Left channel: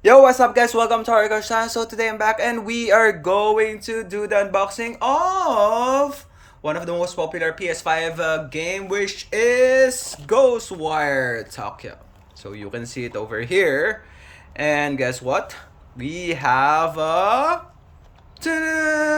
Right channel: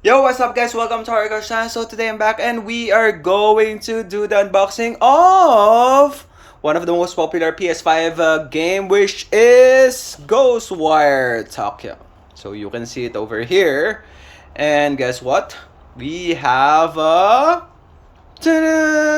Yo, what's up guys? Welcome to our channel. So today I'm back and we are going to do the unboxing of one of the most popular PS5 game, which is Ghostwire Tokyo. So you can see it over here. And guess what? We have a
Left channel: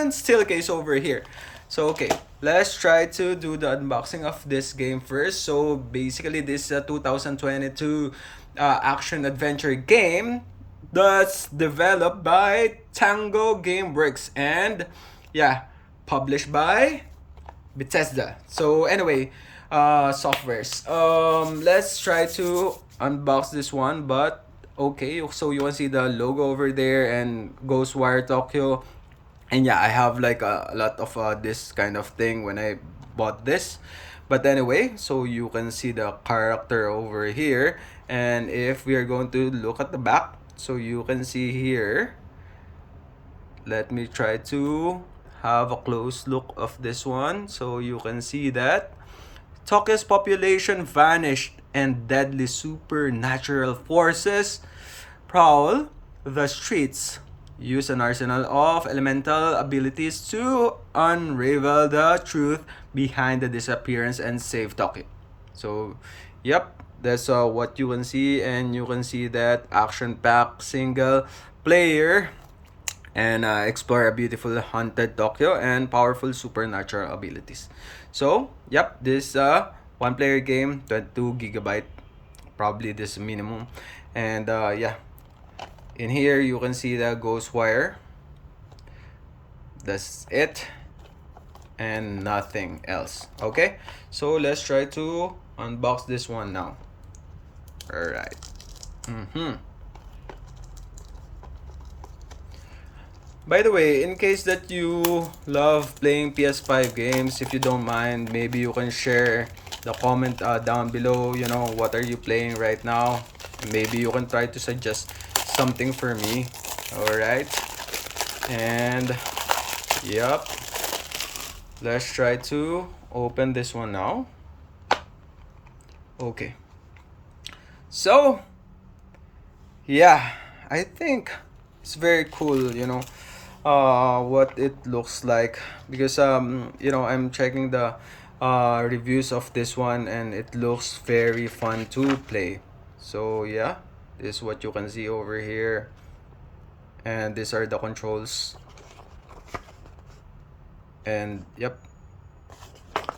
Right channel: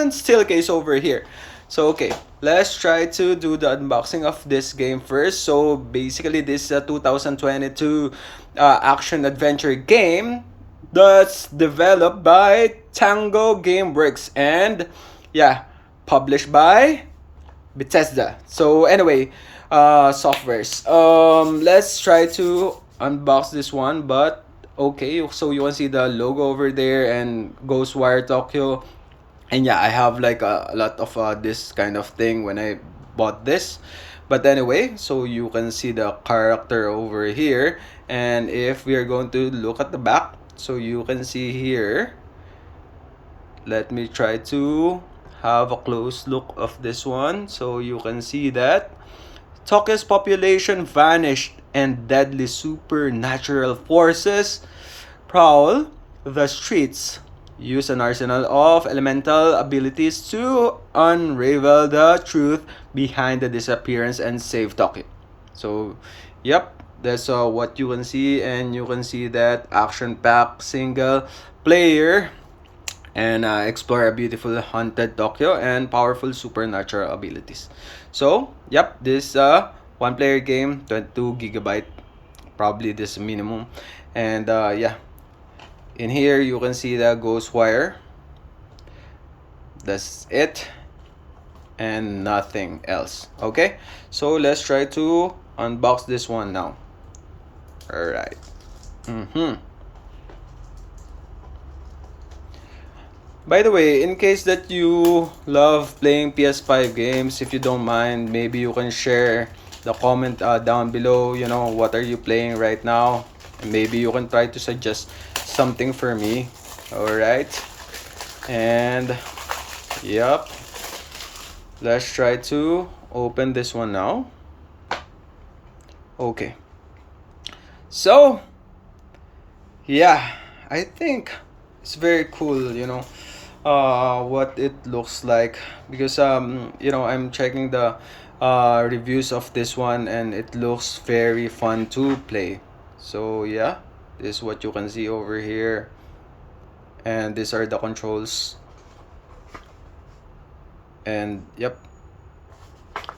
steel case over here. So okay, let's try to do the unboxing of this game first. So basically this is a 2022 action adventure game that's developed by Tango Gameworks and yeah, published by Bethesda. So anyway, softwares. Let's try to unbox this one, but okay, so you can see the logo over there and Ghostwire Tokyo. And yeah, I have like a lot of this kind of thing when I bought this. But anyway, so you can see the character over here. And if we are going to look at the back, so you can see here, let me try to have a close look of this one. So you can see that Tokyo's population vanished and deadly supernatural forces prowl the streets. Use an arsenal of elemental abilities to unravel the truth behind the disappearance and save Tokyo. So, yep, that's what you can see, and you can see that action-packed single player and explore a beautiful haunted Tokyo and powerful supernatural abilities. So, yep, this one player game, 22 gigabyte, probably this minimum. And yeah, in here you can see the Ghostwire. That's it and nothing else. Okay, so let's try to unbox this one now. All right. By the way, in case that you love playing PS5 games, if you don't mind, maybe you can share the comment down below, you know, what are you playing right now? And maybe you can try to suggest something for me. Alright. And, yep. Let's try to open this one now. Okay. So, yeah, I think it's very cool, you know, what it looks like, because you know, I'm checking the reviews of this one and it looks very fun to play. So yeah, this is what you can see over here, and these are the controls. And yep,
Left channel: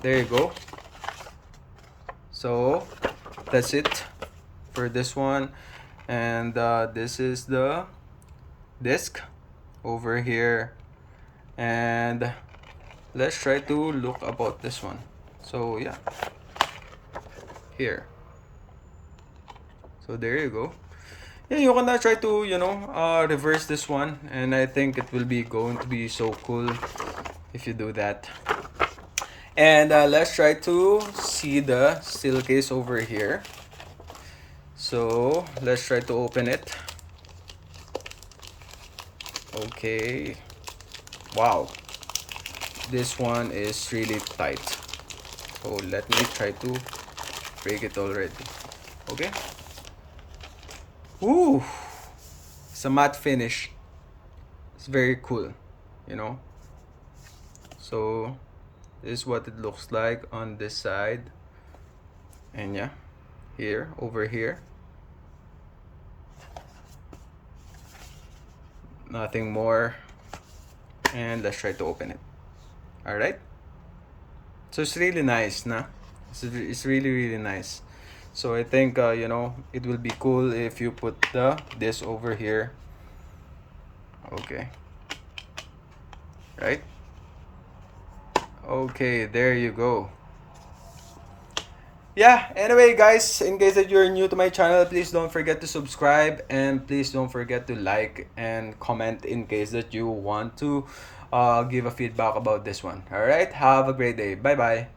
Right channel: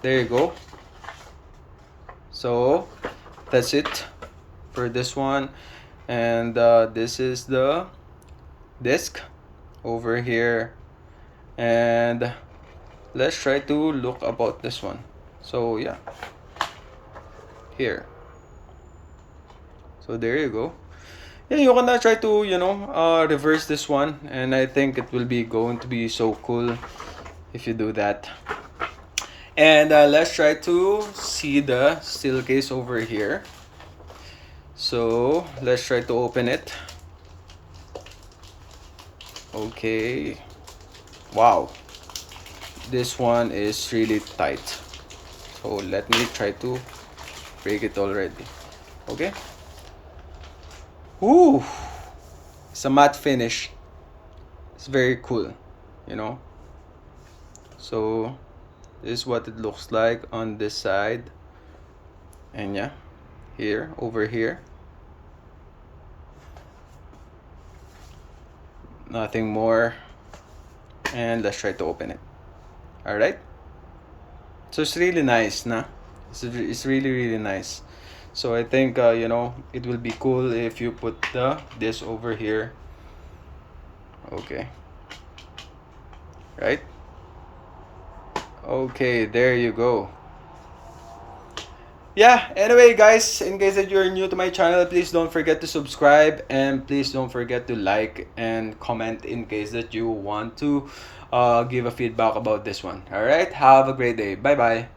there you go. So that's it for this one. And this is the disc over here. And let's try to look about this one. So yeah, here. So there you go. Yeah, you can try to, you know, reverse this one, and I think it will be going to be so cool if you do that. And let's try to see the steel case over here. So let's try to open it. Okay. Wow. This one is really tight. So let me try to break it already. Okay. Ooh. It's a matte finish. It's very cool, you know. So this is what it looks like on this side. And yeah, here, over here. Nothing more. And let's try to open it. Alright. So it's really nice, nah? It's really, really nice. So I think, you know, it will be cool if you put this over here. Okay. Right? Okay, there you go. Yeah, anyway guys, in case that you're new to my channel, please don't forget to subscribe, and please don't forget to like and comment in case that you want to give a feedback about this one. Alright, have a great day. Bye bye.